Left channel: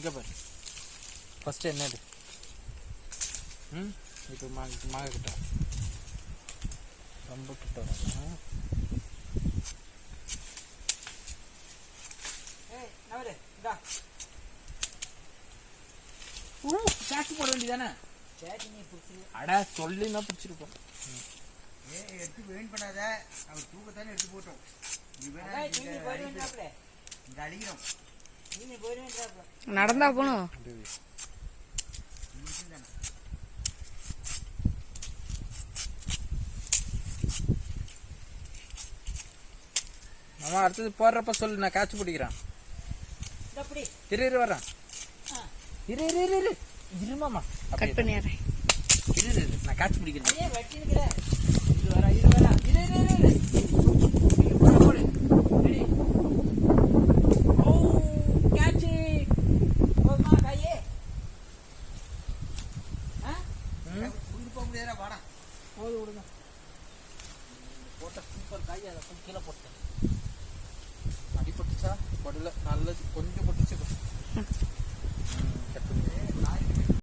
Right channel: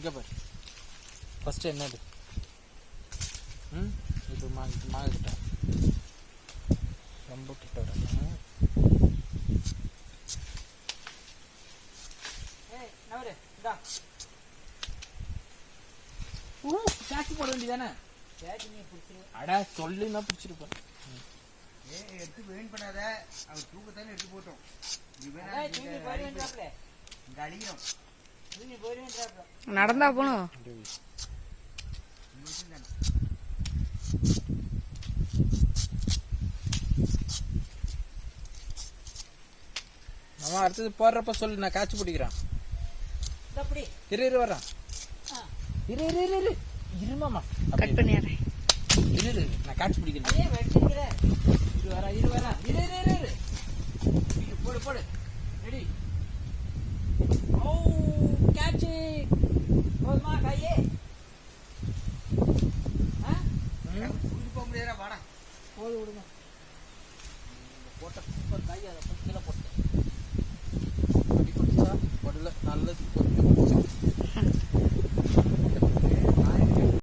இங்கே பாரு ஃபஸ்ட்டு என்னது இப்போ மாங்க கிட்ட ரொம்ப கிட்ட வரணும். சாக்கி போட வேண்டியதானே? அடா சொல்லினா பிடிச்சிருப்பேன். எடுத்து வெயின் பண்ணாத, அவர் தூக்கத்தானே எடுத்து போட்டோம். நடந்தா போகணும். நம்ம அடுத்தது போடுறப்ப சொல்லு, நான் காய்ச்சி பிடிக்கிறேன். இரு வர்றேன். இருமாமா கட் பண்ணிடுறேன். இரு நான் காய்ச்சி பிடிக்கிறேன். போடு கேட்சி போதுமா கையே? போக முடியாதா? வாடா போது விடுங்க. போட்ட சூப்பர் காய், அதை கொஞ்சம் கீழே போட்டேன். அடி போட்டுச்சா? படல, நல்லது. கொஞ்சம் போட்டுச்சா?